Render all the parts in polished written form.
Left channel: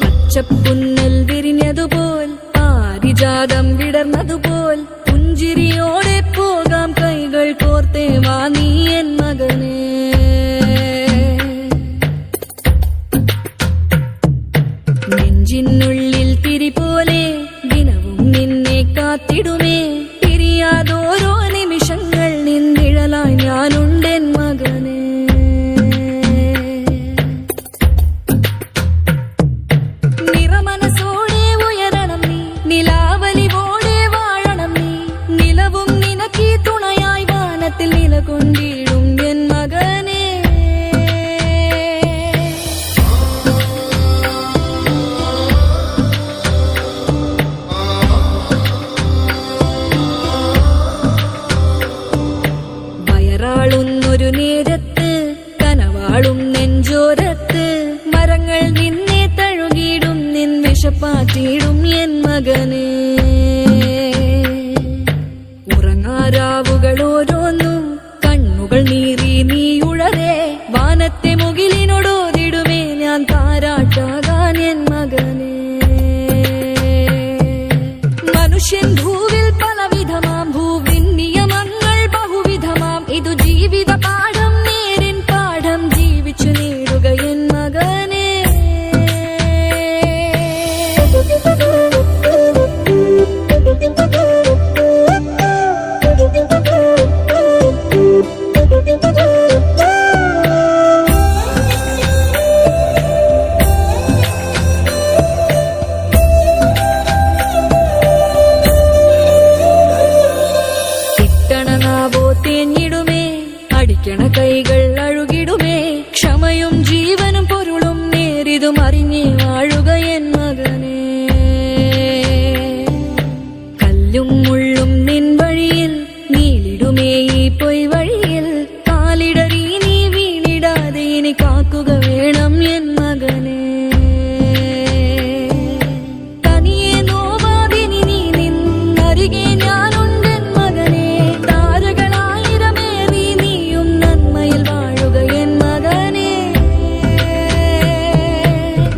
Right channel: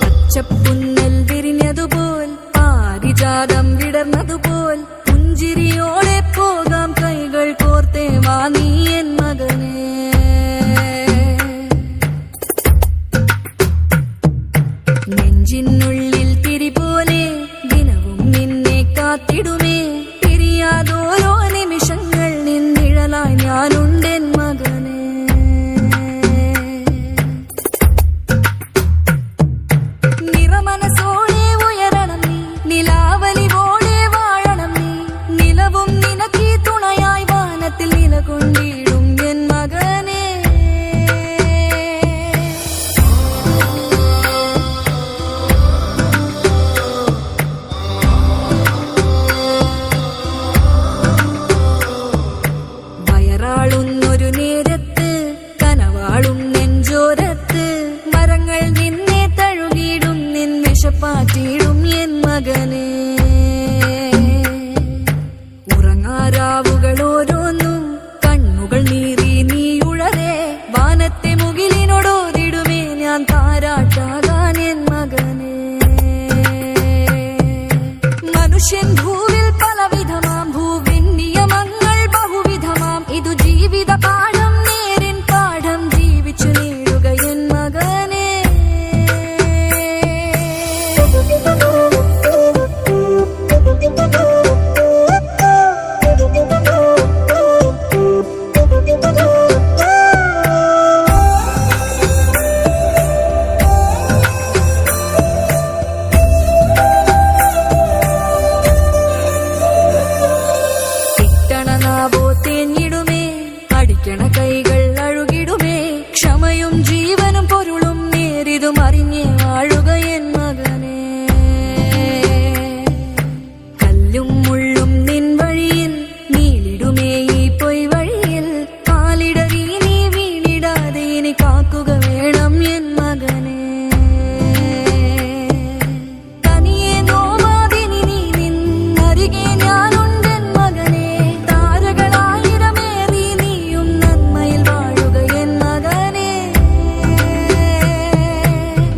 പച്ചപ്പുന്നൽ വിരിഞ്ഞതുപോൽ പാരിജാതം വിടർന്നതുപോൽ പുഞ്ചിരിയോടെ പോകാം കൈകൾ കോർത്തേ വാ നീ എൻ മകനേ. നെഞ്ചിനുള്ളിൽ തിരി പോലെ ദിനവും നിന്നെ കാത്തിടുമേ. പിരിയാതോരോ നിമിഷങ്ങൾ നിന്നിഴലായി ഞാനുണ്ടെൻ മകനേ. മനസ്സോടെ ഉയരണം നീ, നിലാവലിവോടെ വാഴണം നീ. നിലവും നിനക്കീ തുണയായി വാനത്തിൽ നിലകൊണ്ടിടും എൻ മകനേ. വയറാളുന്നൊരു നേരത്ത് കനവാളും നെഞ്ചോരത്ത് മരങ്ങൾ നിന്നെ തഴുകിടും നിൻ വിഷപ്പാറ്റിടും എൻ മകനേ. ഉറങ്ങാരാവുകൾ ഓരോന്നും കണ്ണുകൾ നീറി നീ ഉഴറേ. വാനത്തെ മുകിലിനോടോതിടുമേ ഞാൻ താരാട്ടാകാൻ എൻ മകനേ. മനുഷ്യൻ ഭൂവിൽ പലവിധമാം, ഭൂവിൻ നിയമങ്ങൾ ബഹുവിധമാം. ഇതു ജീവിത പാഠം, നേരിൻ പാഠം ജീവിച്ചു നേടുക എൻ മകനേ. കിട്ടണനാവോ തേഞ്ഞിടുമേ, അടിക്കണ കൈകൾ അഴുകിടുമേ. ക്ഷമയും ജീവനും പൊരുളും നേരിതും അറിഞ്ഞേ വാഴുക എൻ മകനേ. കല്ലും മുള്ളും നിൻ വഴിയിൽ നീലിടുമേ ഈ പൊയ് വഴിയിൽ. കാലിടറി നീ വീണിടാതെ ഇനി കാക്കുക വേണം എൻ മകനേ. തനിയെ നോവാതിനി നീ നിന്നരികെ ഞാനുണ്ടെൻ മകനേ. താരകളായിരമേറി നീയും നന്മയിൽ വാഴുക എൻ മകനേ.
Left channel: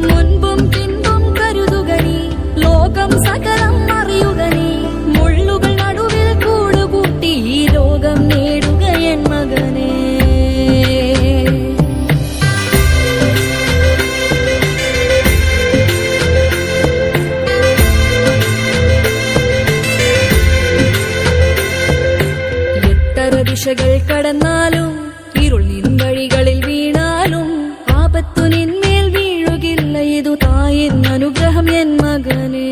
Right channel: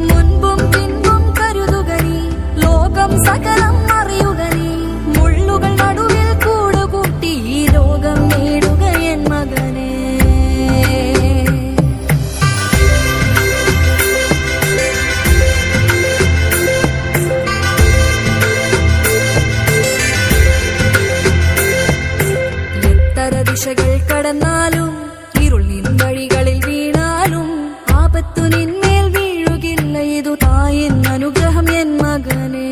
മുൻപും പിൻപും കരുതുക നീ, ലോകം സകലം അറിയുക നീ. മുള്ളുകൾ നടുവിൽ കൂടുകൂട്ടി ഈ ലോകം നേടുക എൻ മകനേ. എത്ര ദിശകൾ കടന്നാലും ഇരുൾ നിൻ വഴികളിൽ വീണാലും ആപത്തു നിന്മേൽ വീഴുകില്ല. ഇതു തായിൻ അനുഗ്രഹം എൻ മകനേ.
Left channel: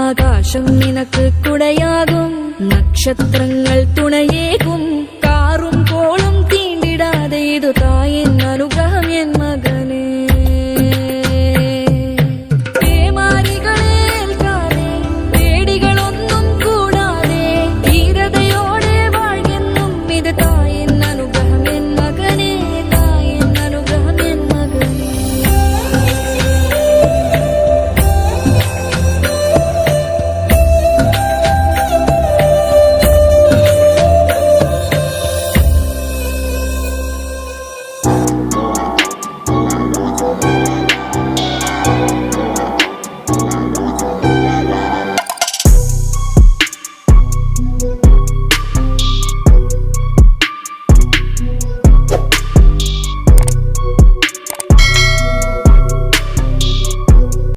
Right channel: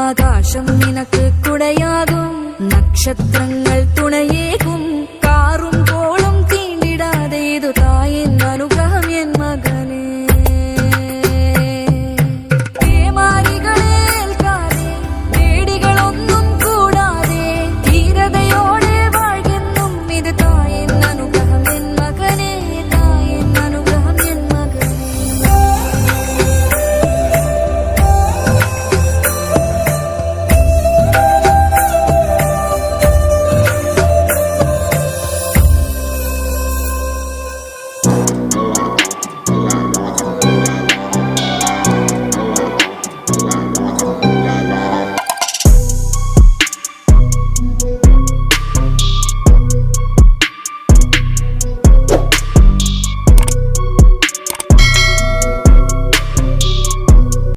ആകാശം നിനക്ക് കുടയാകും, നക്ഷത്രങ്ങൾ തുണയേകും.